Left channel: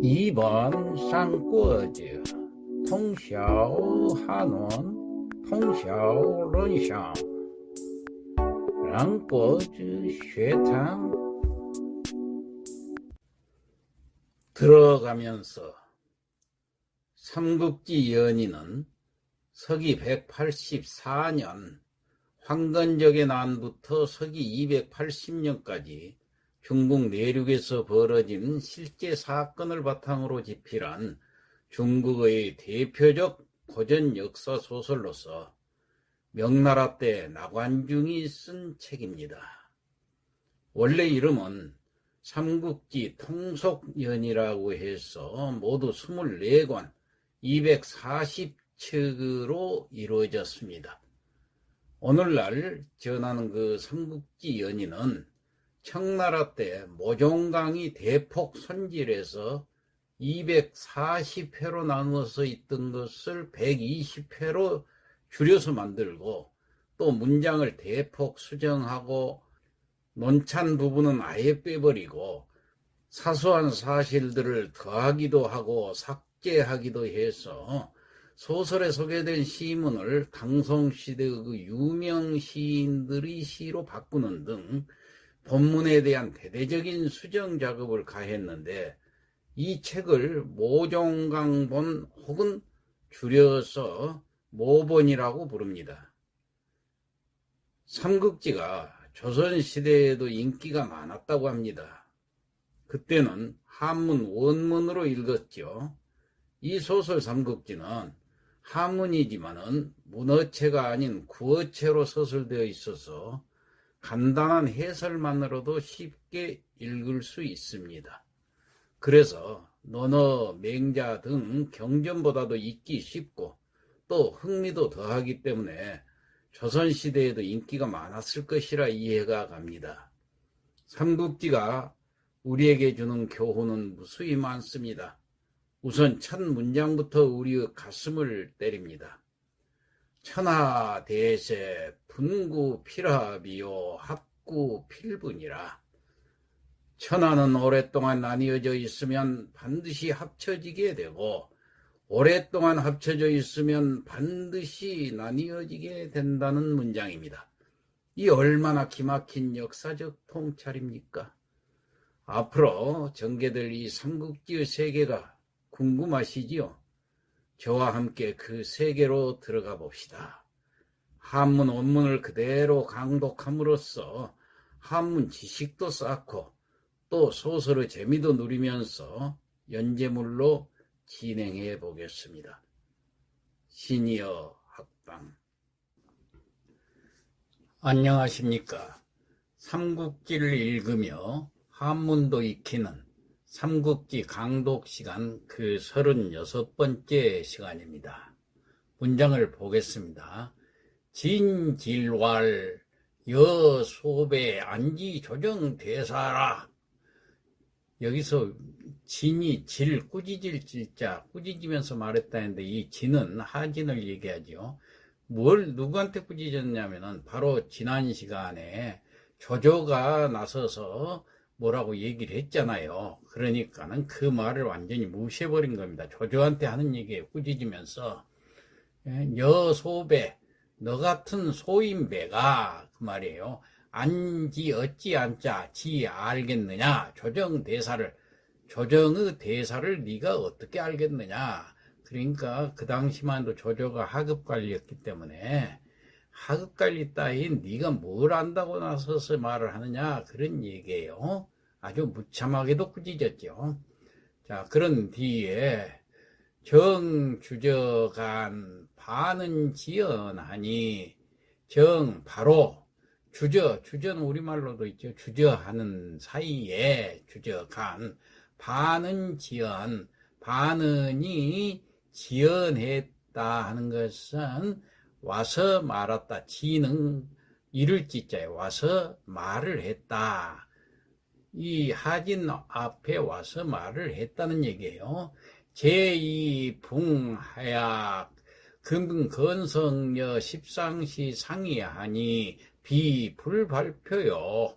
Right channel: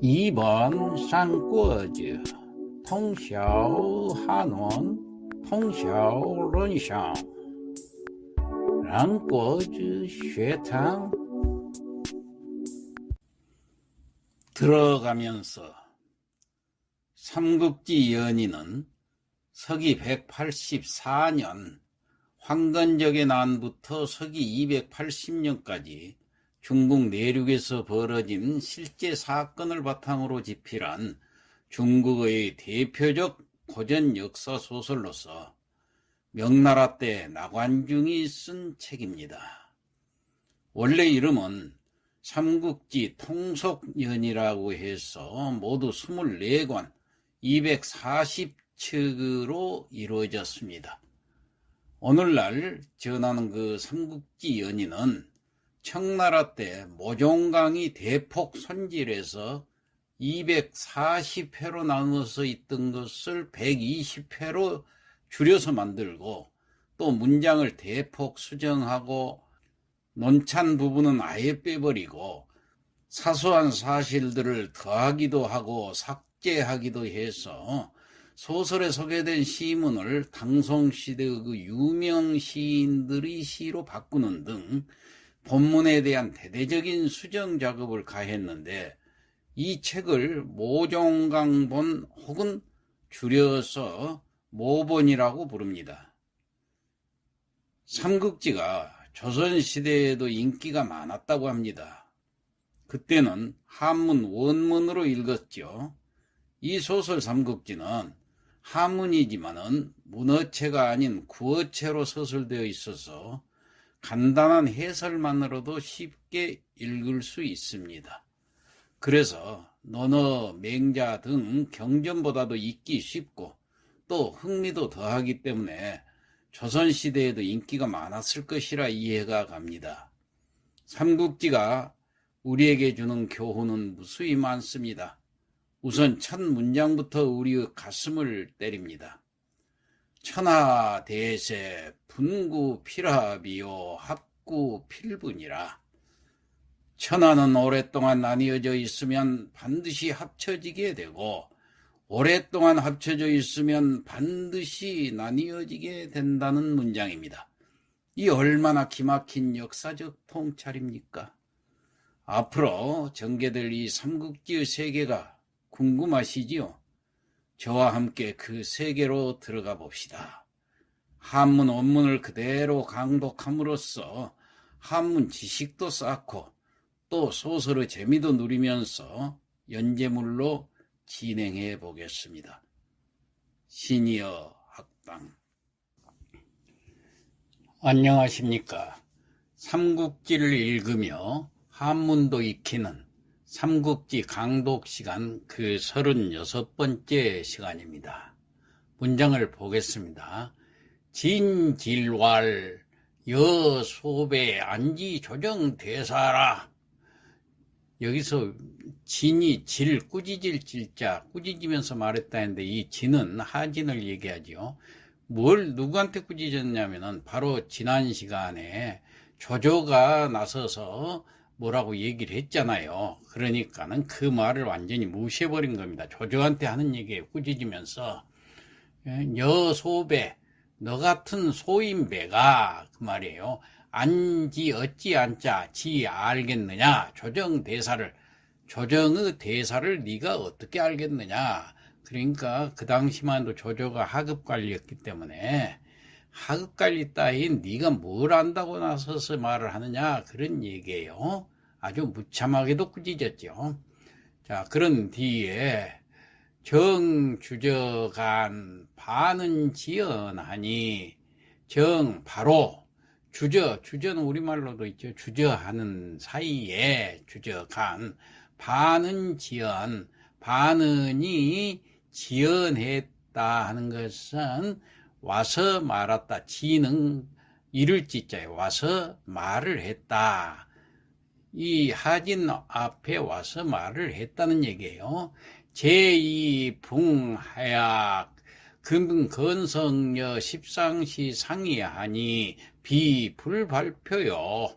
2번 三国志 通晓汉文通晓论想两国之学堂들어가면서 삼국지 연의는 서기 184년 황건적의 난부터 서기 280년까지 중국 내륙에서 벌어진 실제 사건을 바탕으로 집필한 중국의 대표적 고전 역사 소설로서 명나라 때 나관중이 쓴 책입니다. 원래 이름은 삼국지 통속연이라고 해서 모두 24권 240척으로 이루어졌습니다. 오늘날 전하는 그 삼국지 연의는 청나라 때 모종강이 대폭 손질해서 240회로 나누어서 있던 것을 120회로 줄여서 만들고 또 문장을 대폭 수정하고 논찬 부분은 아예 빼버리고 사소한 사실들을 더하기도 하고 삭제하기도 해서 소설에 소개된 시문을 당송시대의 그 유명 시인들의 시로 바꾸는 등 본문에 대한 대대적인 수정 작업을 가했는데 이 책을 모종강본 혹은 줄여서 모본이라고 부릅니다. 삼국지가 조선시대에도 인기가 많았다고 합니다. 그때는 한문 원문으로 읽었죠. 이 소설 삼국지는 한문이지만은 문어체가 아닌 구어체로 서술되어 있어서 간단한 해설만으로도 쉽게 읽을 수 있습니다. 그래서 논어, 맹자 등 경전보다도 읽기 쉽고 또 흥미도 더하기 때문에 조선시대에도 인기가 많았을 것이라 이해가 갑니다. 삼국지가 우리에게 주는 교훈은 무수히 많습니다. 우선 첫 문장부터 우리의 가슴을 때립니다. 천하대세 분구필합이요 합구필분이라. 천하는 오랫동안 나뉘어져 있으면 반드시 합쳐지게 되고 오랫동안 합쳐져 있으면 반드시 나뉘어지게 된다는 문장입니다. 이 얼마나 기막힌 역사적 통찰입니까? 앞으로 전개될 이 삼국지의 세계가 궁금하시지요? 저와 함께 그 세계로 들어가 봅시다. 한문 원문을 그대로 강독함으로써 한문 지식도 쌓고 또 소설의 재미도 누리면서 연재물로 진행해 보겠습니다. 시니어 학당. 안녕하십니까. 삼국지를 읽으며 한문도 익히는 삼국지 강독 시간 그 36번째 시간입니다. 문장을 보겠습니다. 진질왈 여소배 안지조정 대사라. 여기서 진이 질, 꾸짖을 질자, 꾸짖으면서 말했다 했는데 이 진은 하진을 얘기하죠. 뭘 누구한테 꾸짖었냐면은 바로 지난 시간에 조조가 나서서 뭐라고 얘기를 했잖아요. 그러니까는 그 말을 완전히 무시해버린 겁니다. 조조한테 하는 얘기에 꾸짖으면서 여소배, 너 같은 소인배가 그 말이에요. 안지 어찌 안자 지 알겠느냐. 조정의 대사를 네가 어떻게 알겠느냐. 그러니까 그 당시만 해도 조조가 하급관리였기 때문에 하급관리 따윈 네가 뭘 안다고 나서서 말을 하느냐 그런 얘기예요. 아주 무참하게도 꾸짖었죠. 자, 그런 뒤에 정주저간 반은 지연하니 정 바로 주저는 우리말로도 있죠. 주저하는 사이에 주저간 반은 지연 반은이 지연했다 하는 것은 와서 말았다. 지는 이를 지자에 와서 말을 했다. 이 하진 앞에 와서 말을 했다는 얘기예요. 제2붕하약 금건성여 십상시 상의하니 비불발표요.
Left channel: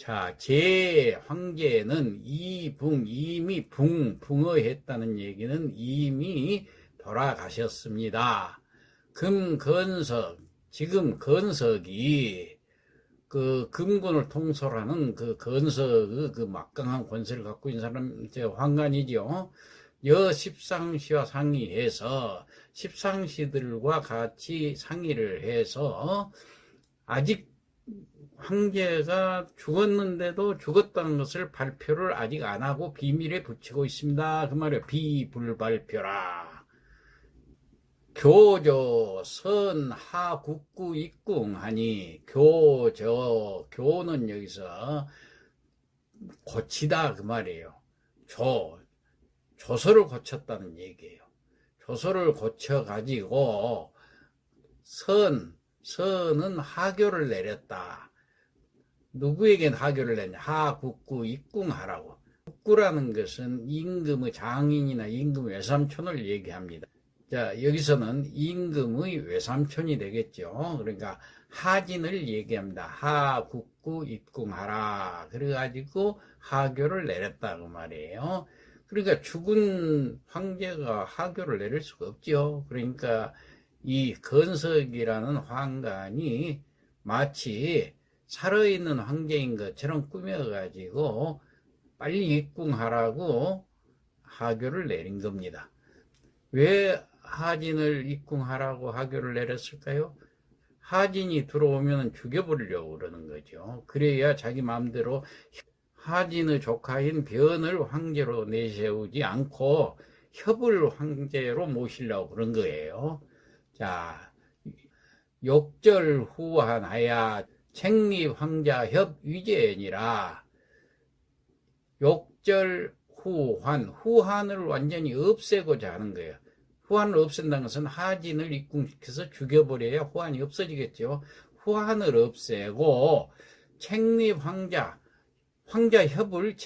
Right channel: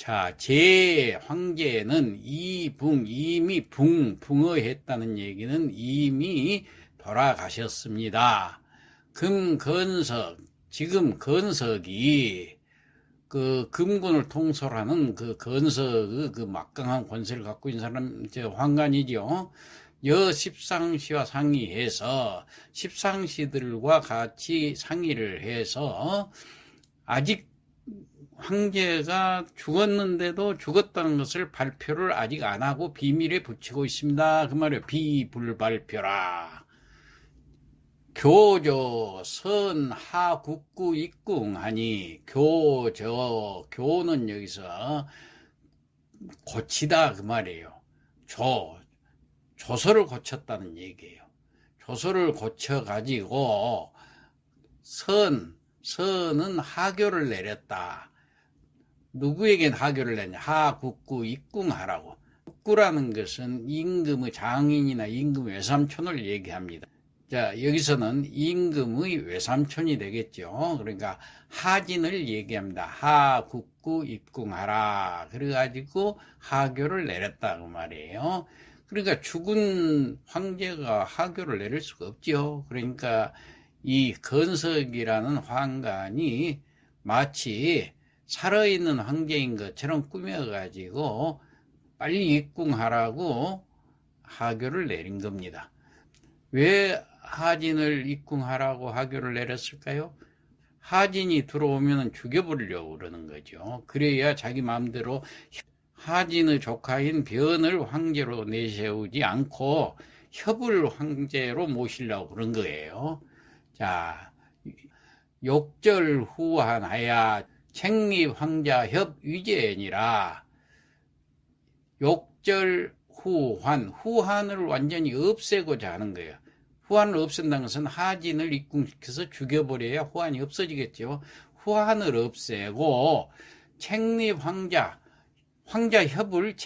자, 제 황제는 이미 붕어했다는 얘기는 이미 돌아가셨습니다. 금건석, 지금 건석이 그 금군을 통솔하는 그 건석의 그 막강한 권세를 갖고 있는 사람, 황관이죠. 십상시와 상의해서 십상시들과 같이 상의를 해서 아직 황제가 죽었는데도 죽었다는 것을 발표를 아직 안 하고 비밀에 붙이고 있습니다. 그 말이에요. 비불발표라. 교저 선하국구 입궁하니 교는 여기서 고치다 그 말이에요. 조서를 고쳤다는 얘기예요. 조서를 고쳐 가지고 선은 하교를 내렸다. 누구에겐 하교를 내냐? 하국구 입궁하라고. 국구라는 것은 임금의 장인이나 임금의 외삼촌을 얘기합니다. 자, 여기서는 임금의 외삼촌이 되겠죠. 그러니까 하진을 얘기합니다. 하국구 입궁하라. 그래가지고 하교를 내렸다 그 말이에요. 그러니까 죽은 황제가 하교를 내릴 수가 없죠. 그러니까 이 건석이라는 황관이 마치 살아있는 황제인 것처럼 꾸며가지고 빨리 입궁하라고 하교를 내린 겁니다. 왜 하진을 입궁하라고 하교를 내렸을까요? 하진이 들어오면 죽여버리려고 그러는 거죠. 그래야 자기 마음대로 하진의 조카인 변을 황제로 내세우지 않고 협을 황제로 모시려고 그런 거예요. 자, 욕절후한하야 책립황자협 위제니라. 후한을 완전히 없애고자 하는 거예요. 후한을 없앤다는 것은 하진을 입궁시켜서 죽여버려야 후한이 없어지겠죠. 후한을 없애고 황자협을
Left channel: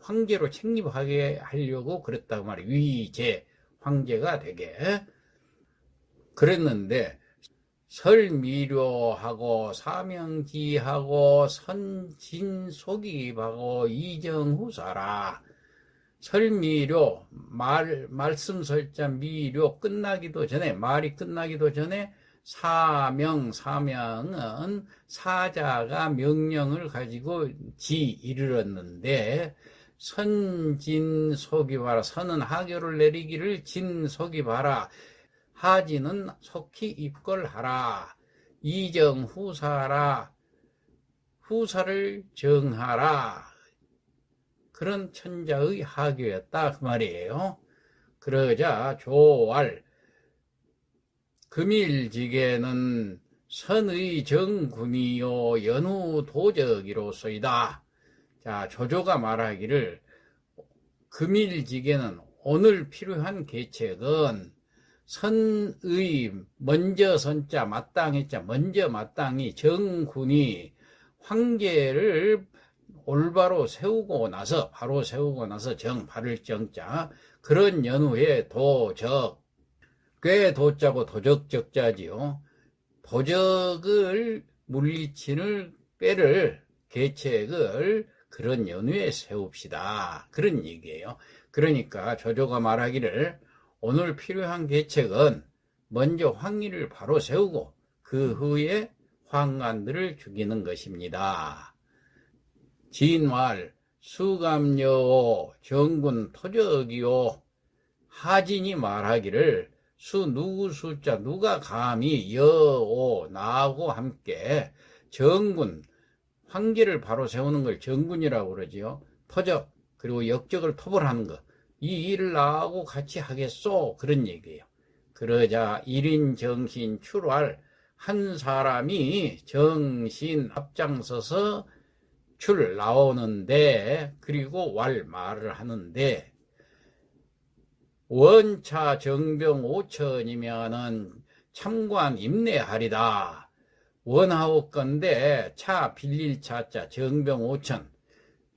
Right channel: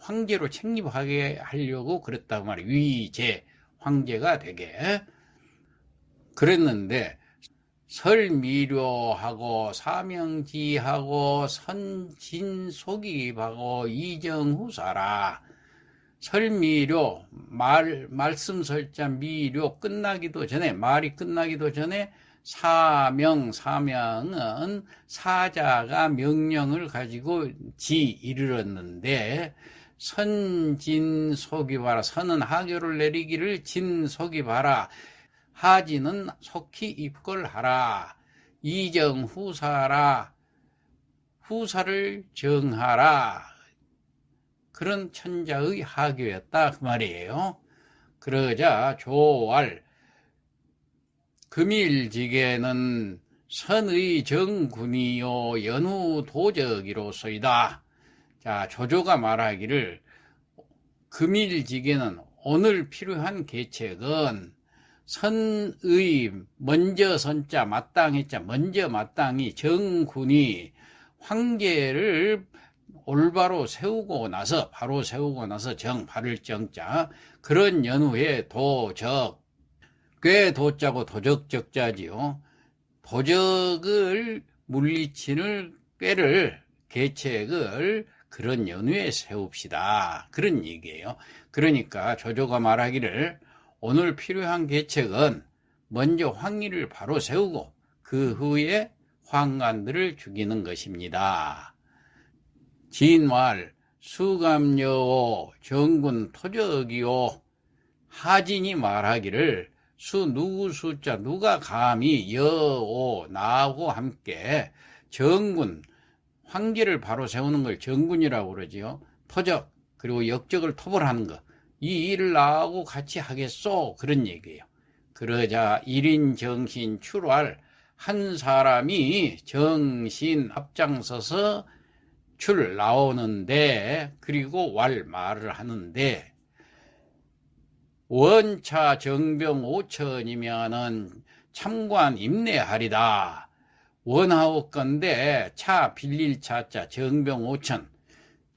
황제로 책립하게 하려고 그랬다고 말이에요. 위제, 황제가 되게. 그랬는데 설미료하고 사명지하고 선진속입하고 이정후사라. 설미료, 말씀 설자 미료 끝나기도 전에, 말이 끝나기도 전에 사명은 사자가 명령을 가지고 이르렀는데, 선진속입하라. 선은 하교를 내리기를 진속입하라. 하진은 속히 입걸하라. 이정후사라. 후사를 정하라. 그런 천자의 하교였다 그 말이에요. 그러자 조왈 금일지계는 선의 정군이요 연후도적이로소이다. 자, 조조가 말하기를 금일지계는 오늘 필요한 계책은 선의 먼저 선자 마땅했자 먼저 마땅히 정군이 황제를 올바로 세우고 나서 바로 세우고 나서 바를 정자 그런 연후에 도적 꽤 도자고 도적적자지요. 도적을 물리치는 꾀를 계책을 그런 연후에 세웁시다. 그런 얘기예요. 그러니까 조조가 말하기를 오늘 필요한 계책은 먼저 황의를 바로 세우고 그 후에 황관들을 죽이는 것입니다. 진왈 수감여오 정군 토적이요. 하진이 말하기를 누구 숫자 누가 감히 여오 나하고 함께 정군 황제를 바로 세우는 걸 정군이라고 그러지요. 토적 그리고 역적을 토벌하는 것 이 일을 나하고 같이 하겠소 그런 얘기예요. 그러자 1인 정신 출왈 한 사람이 정신 앞장서서 나오는데 그리고 말을 하는데 원차 정병 5천이면은 참관 임내하리다. 원하옵건데 차 빌릴 차자 정병 5천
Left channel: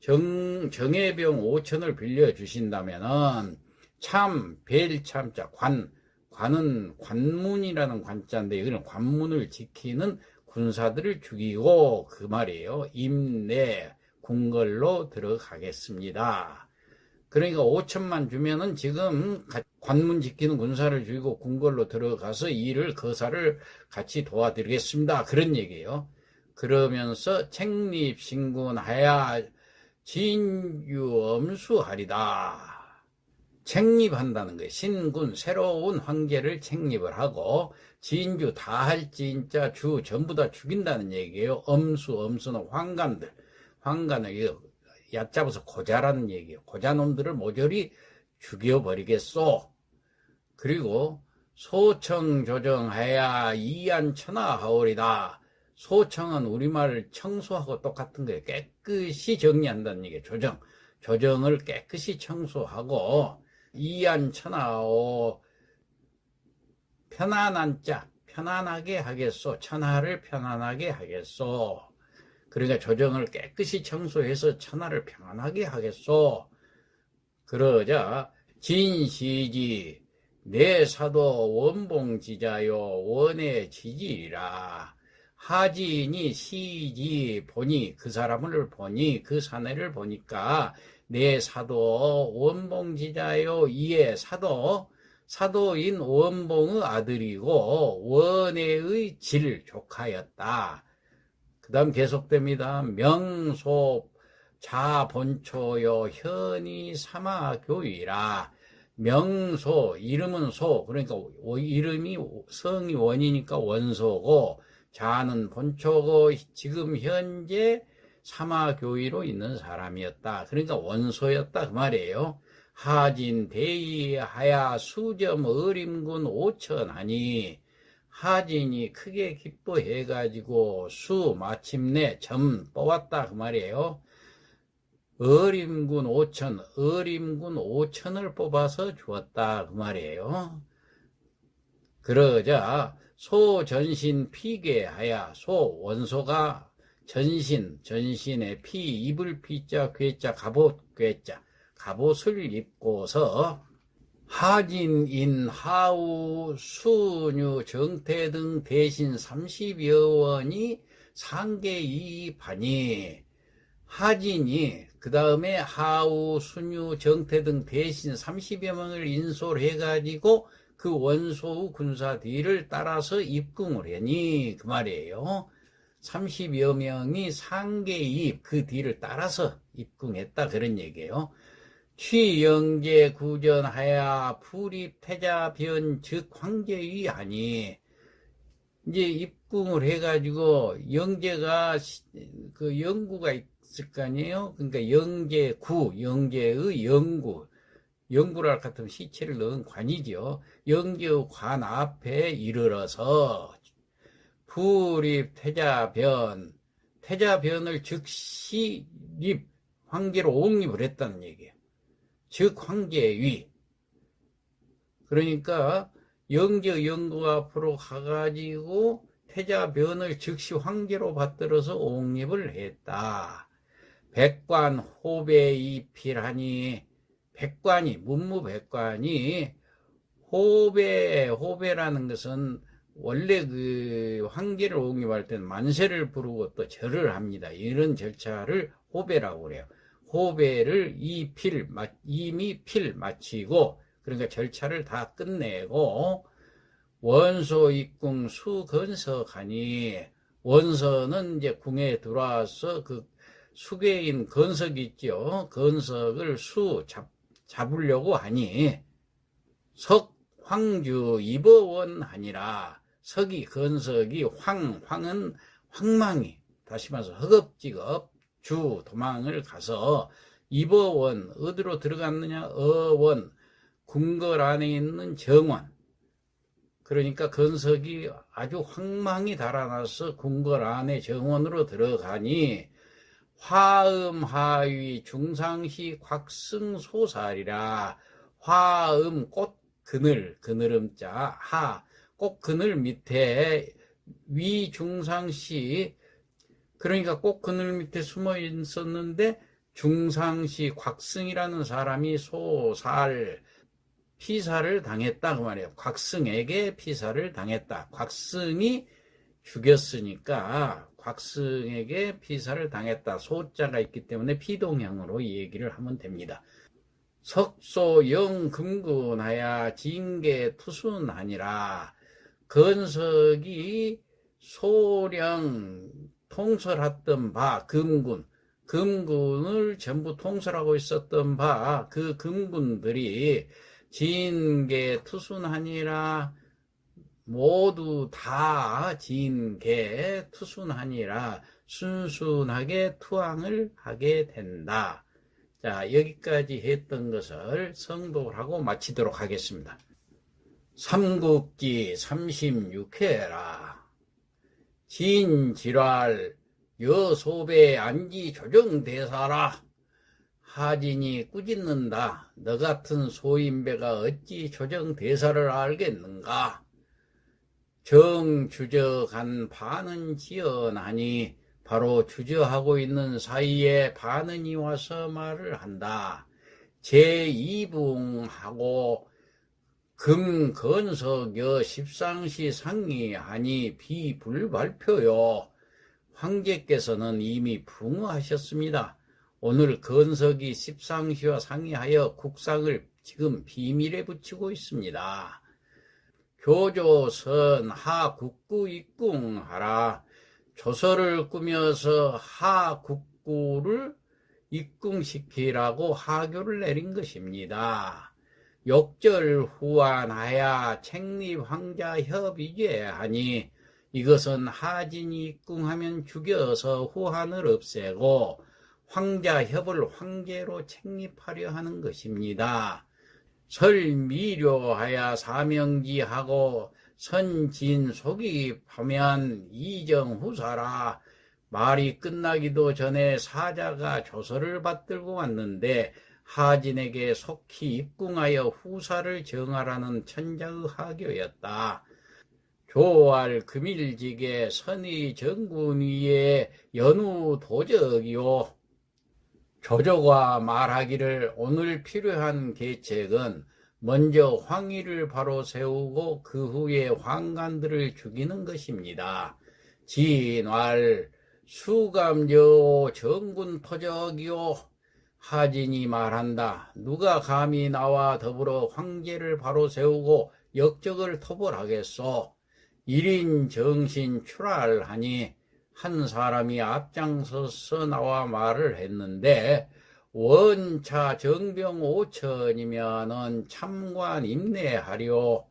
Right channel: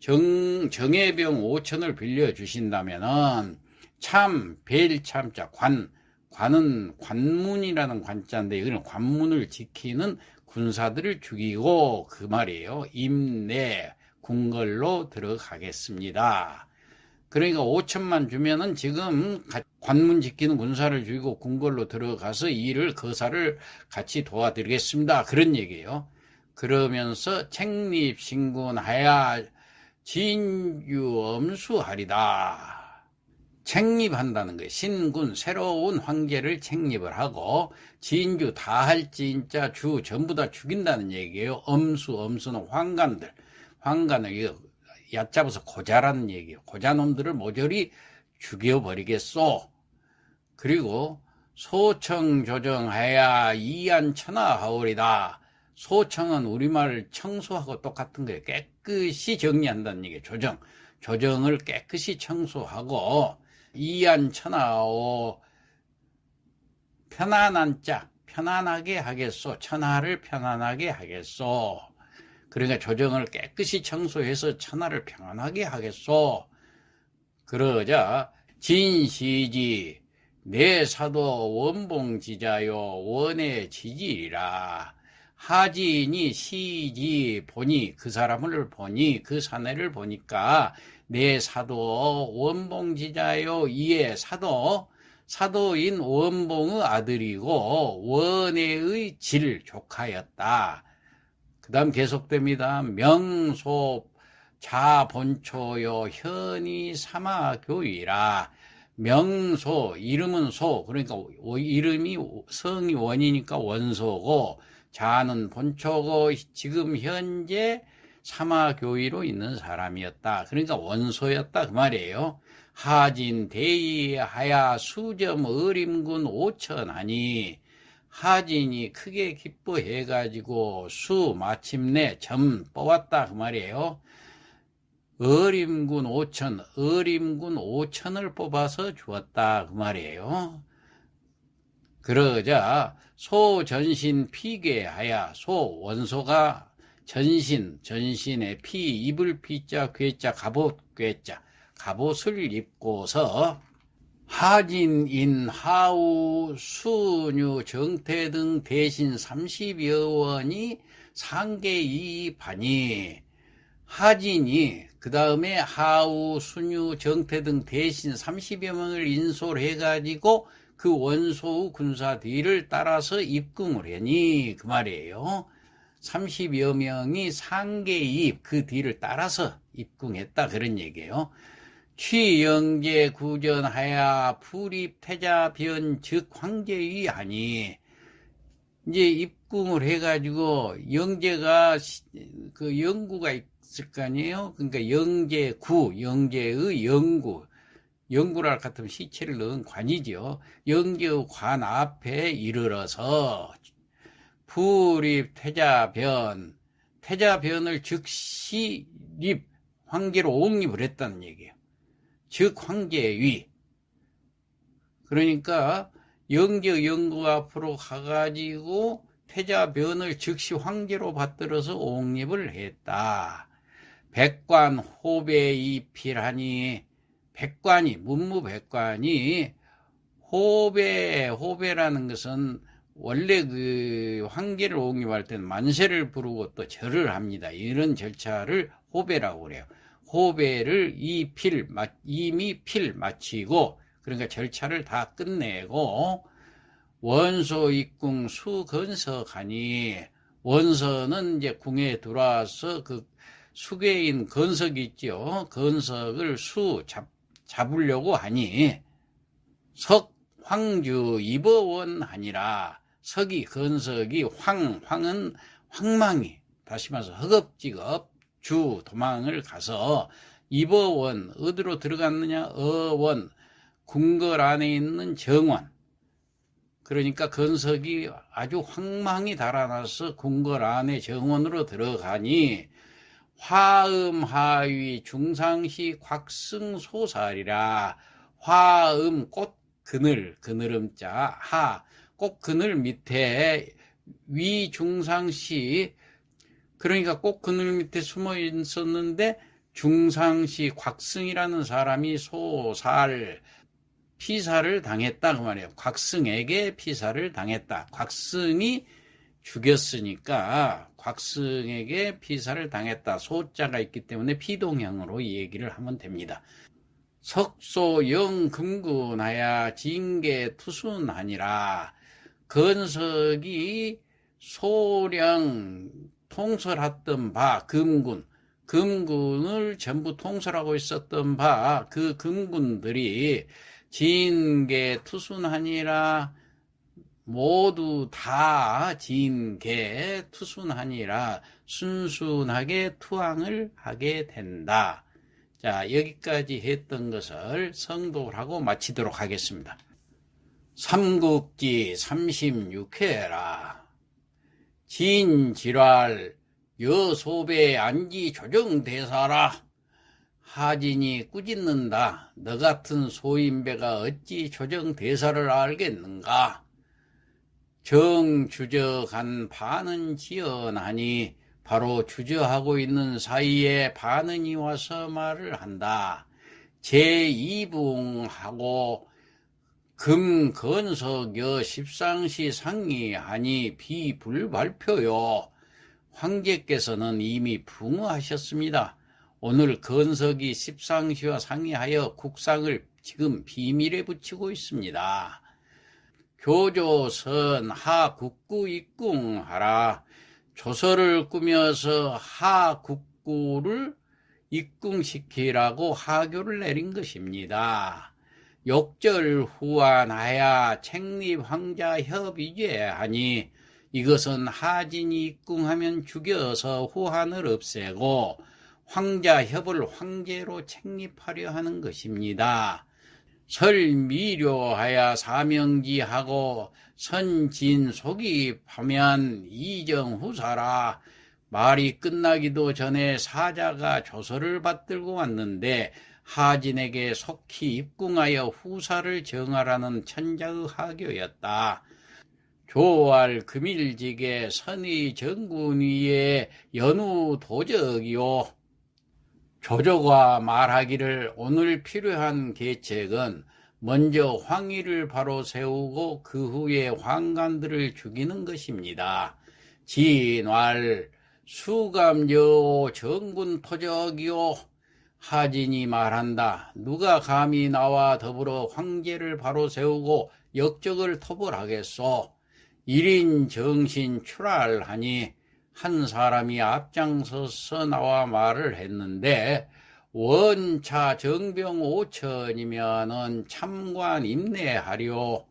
정예병 5천을 빌려주신다면은 참 벨참자 관은 관문이라는 관자인데 이거는 관문을 지키는 군사들을 죽이고 그 말이에요. 임내 궁궐로 들어가겠습니다. 그러니까 5천만 주면은 지금 관문 지키는 군사를 죽이고 궁궐로 들어가서 일을 거사를 같이 도와드리겠습니다. 그런 얘기예요. 그러면서 책립신군하야 진유엄수하리다. 책립한다는 거예요. 신군, 새로운 황제를 책립을 하고 진주, 다할 진짜 주 전부 다 죽인다는 얘기예요. 엄수는 황관들, 황관을 얕잡아서 고자라는 얘기예요. 고자놈들을 모조리 죽여버리겠소. 그리고 소청 조정하야 이안천하하오리다. 소청은 우리말 청소하고 똑같은 거예요. 깨끗이 정리한다는 얘기예요. 조정을 깨끗이 청소하고 이안천하오, 편안한 자, 편안하게 하겠소. 천하를 편안하게 하겠소. 그러니까 조정을 깨끗이 청소해서 천하를 평안하게 하겠소. 그러자 진시지 내 사도 원봉지자요 원의 지지라. 하진이 시지 보니, 그 사람을 보니, 그 사내를 보니까 내 사도 원봉지자요, 이에 사도인 원봉의 아들이고 원의 질 조카였다. 그 다음 계속됩니다. 명소 자본초요 현이 사마교이라. 명소, 이름은 소, 그러니까 이름이 성이 원이니까 원소고, 자는 본초고 지금 현재 사마교위로 있는 사람이었다. 그러니까 원소였다 그 말이에요. 하진 대의하야 수점 어림군 5천하니, 하진이 크게 기뻐해가지고 마침내 점 뽑았다 그 말이에요. 어림군 5천을 뽑아서 주었다 그 말이에요. 그러자 소전신 피괴하야, 원소가 전신의 입을 피자 괴자 갑옷 괴자 갑옷을 입고서 하진인 하우 수뉴 정태 등 대신 30여 원이 상계이반이, 하진이 그 다음에 하우 수뉴 정태 등 대신 30여 명을 인솔 해가지고 그 원소의 군사 뒤를 따라서 입궁을 하니 그 말이에요. 30여 명이 상계입 그 뒤를 따라서 입궁했다 그런 얘기예요. 취영제 구전하야 불입태자변 즉 황제위 하니, 이제 입궁을 해가지고 영제가 그 영구가 있을 거 아니에요. 그러니까 영제의 영구랄 같으면 시체를 넣은 관이죠. 영제의 관 앞에 이르러서 태자변을 즉시 황제로 옹립을 했다는 얘기예요. 즉 황제위. 그러니까 영구 앞으로 가가지고 태자변을 즉시 황제로 받들어서 옹립을 했다. 백관 호배이필하니, 문무백관이 호배라는 것은 원래 그 황제를 옹립할 때는 만세를 부르고 또 절을 합니다. 이런 절차를 호배라고 그래요. 호배를 이미 필 마치고, 그러니까 절차를 다 끝내고 원소 입궁 수건석하니, 원서는 이제 궁에 들어와서 그 수괴인 건석이 있죠. 건석을 잡으려고 하니 석 황주 입어원 하니라. 건석이 황은 황망이, 다시 말해서 허겁지겁 도망을 가서 입어원, 어디로 들어갔느냐, 어원, 궁궐 안에 있는 정원. 그러니까 건석이 아주 황망히 달아나서 궁궐 안에 정원으로 들어가니 화음하위 중상시 곽승소살이라. 화음 그늘음자 꽃그늘 밑에 위 중상시, 그러니까 꽃그늘 밑에 숨어 있었는데 중상시 곽승이라는 사람이 피살을 당했다 그 말이에요. 곽승에게 피살을 당했다. 곽승이 죽였으니까 곽승에게 피살을 당했다. 소자가 있기 때문에 피동형으로 이 얘기를 하면 됩니다. 석소 영금군하야 징계투순하니라. 건석이 소량 통솔했던 바 금군을 전부 통솔하고 있었던 바 그 금군들이 징계투순하니라. 모두 다 징계투순하니라. 순순하게 투항을 하게 된다. 자, 여기까지 했던 것을 성독을 하고 마치도록 하겠습니다. 삼국지 36회라. 진질활 여소배 안지 조정대사라. 하진이 꾸짖는다. 너 같은 소인배가 어찌 조정대사를 알겠는가. 정주저간 반은 지연하니 바로 주저하고 있는 사이에 반은이 와서 말을 한다. 제2부하고 금건석여 십상시 상의하니 비불발표요. 황제께서는 이미 붕어하셨습니다. 오늘 건석이 십상시와 상의하여 국상을 지금 비밀에 붙이고 있습니다. 교조선 하국구 입궁하라. 조서를 꾸며서 하국구를 입궁시키라고 하교를 내린 것입니다. 욕절 후환하야 책립 황자 협의제 하니 이것은 하진이 입궁하면 죽여서 후환을 없애고 황자 협을 황제로 책립하려 하는 것입니다. 설미료하야 사명지하고 선진속입하면 이정후사라. 말이 끝나기도 전에 사자가 조서를 받들고 왔는데 하진에게 속히 입궁하여 후사를 정하라는 천자의 하교였다. 조알 금일직의 선의 정군 위에 연우 도적이요. 조조가 말하기를 오늘 필요한 계책은 먼저 황의를 바로 세우고 그 후에 황관들을 죽이는 것입니다. 진왈 수감여 정군 토적이요. 하진이 말한다. 누가 감히 나와 더불어 황제를 바로 세우고 역적을 토벌하겠소. 1인 정신 출할하니 한 사람이 앞장서서 나와 말을 했는데 원차 정병 5천이면은 참관 임내하리오.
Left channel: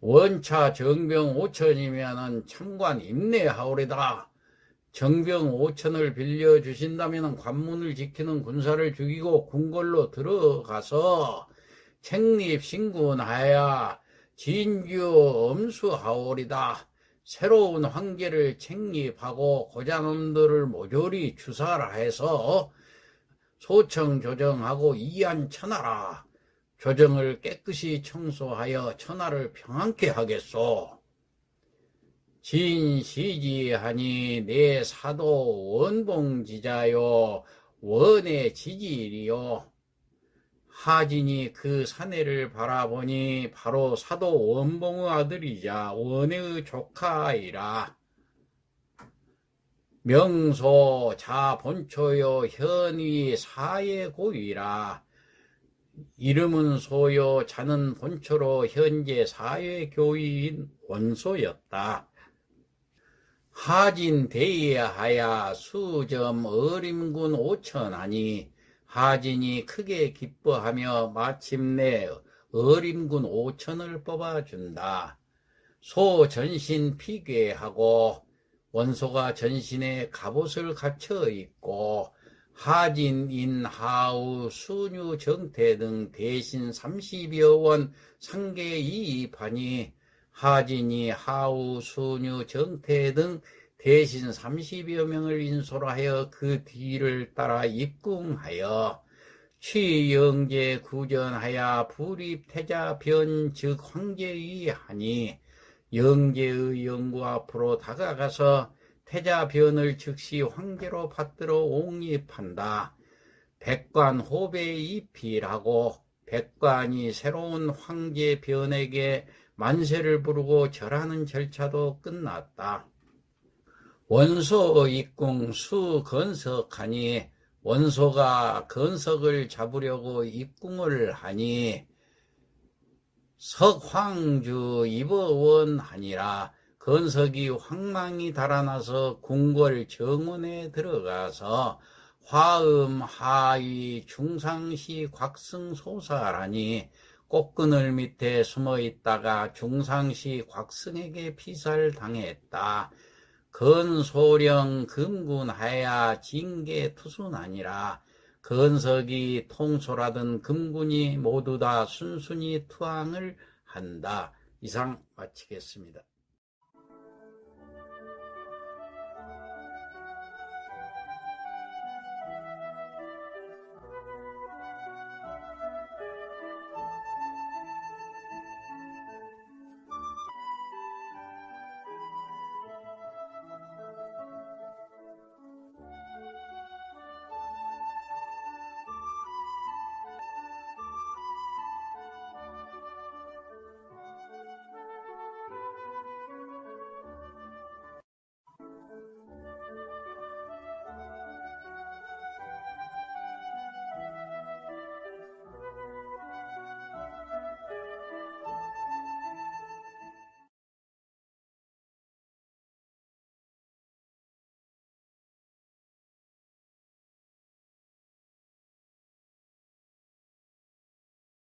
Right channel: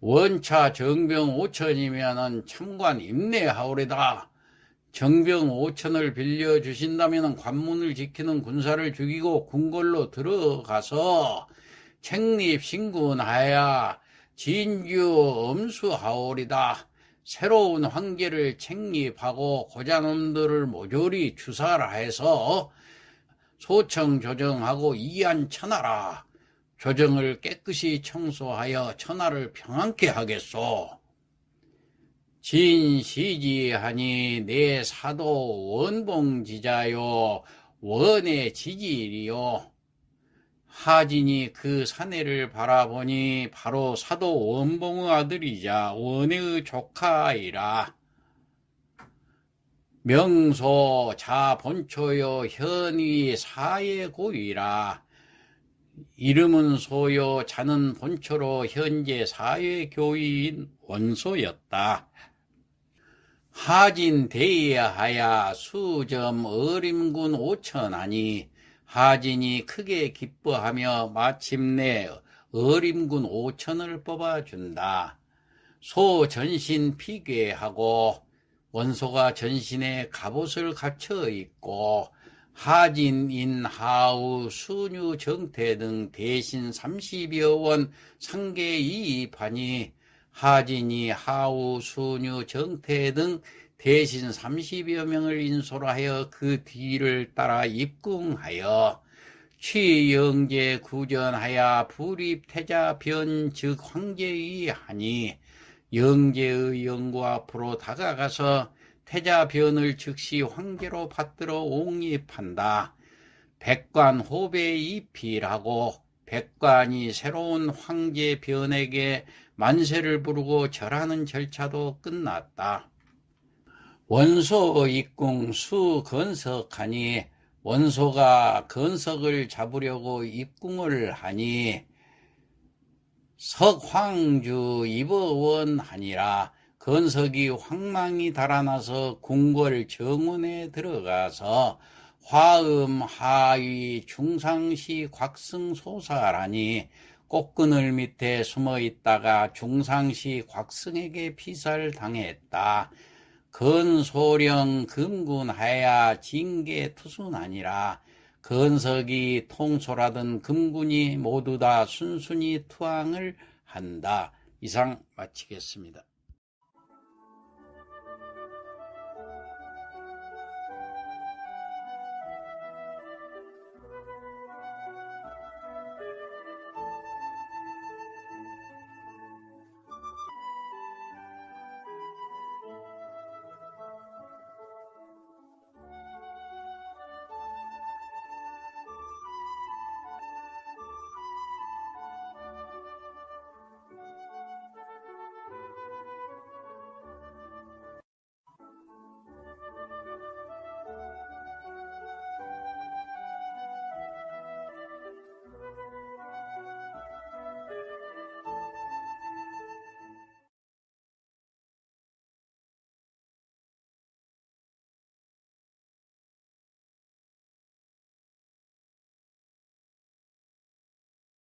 원차 정병 5천이면은 참관 임내하오리다. 정병 5천을 빌려주신다면 관문을 지키는 군사를 죽이고 궁궐로 들어가서 책립신군하야 진주 엄수하오리다. 새로운 황제를 책립하고 고자놈들을 모조리 주사해서 소청 조정하고 이안 천하라. 조정을 깨끗이 청소하여 천하를 평안케 하겠소. 진시지하니 내 사도 원봉지자요 원의 지지이요. 하진이 그 사내를 바라보니 바로 사도 원봉의 아들이자 원의 조카이라. 명소 자본초요 현위 사회고위라. 이름은 소요 자는 본초로 현재 사회교위인 원소였다. 하진 대하야 수점 어림군 5천하니 하진이 크게 기뻐하며 마침내 어림군 5천을 뽑아준다. 소 전신 피괴하고 원소가 전신에 갑옷을 갖춰 입고 하진인 하우 수뉴 정태 등 대신 30여 원 상계 이입하니 하진이 하우 수뉴 정태 등 대신 30여 명을 인솔하여 그 뒤를 따라 입궁하여 취영제 구전하여 불입태자 변 즉 황제의 하니 영제의 영구 앞으로 다가가서 태자 변을 즉시 황제로 받들어 옹립한다. 백관 호배 입필하고 백관이 새로운 황제 변에게 만세를 부르고 절하는 절차도 끝났다. 원소 입궁 수건석하니 원소가 건석을 잡으려고 입궁을 하니 석황주 입어원하니라. 건석이 황망이 달아나서 궁궐 정원에 들어가서 화음 하위 중상시 곽승소살하니 꽃그늘 밑에 숨어 있다가 중상시 곽승에게 피살당했다. 건소령 금군하야 징계투순하니라. 건석이 통솔하던 금군이 모두 다 순순히 투항을 한다. 이상 마치겠습니다.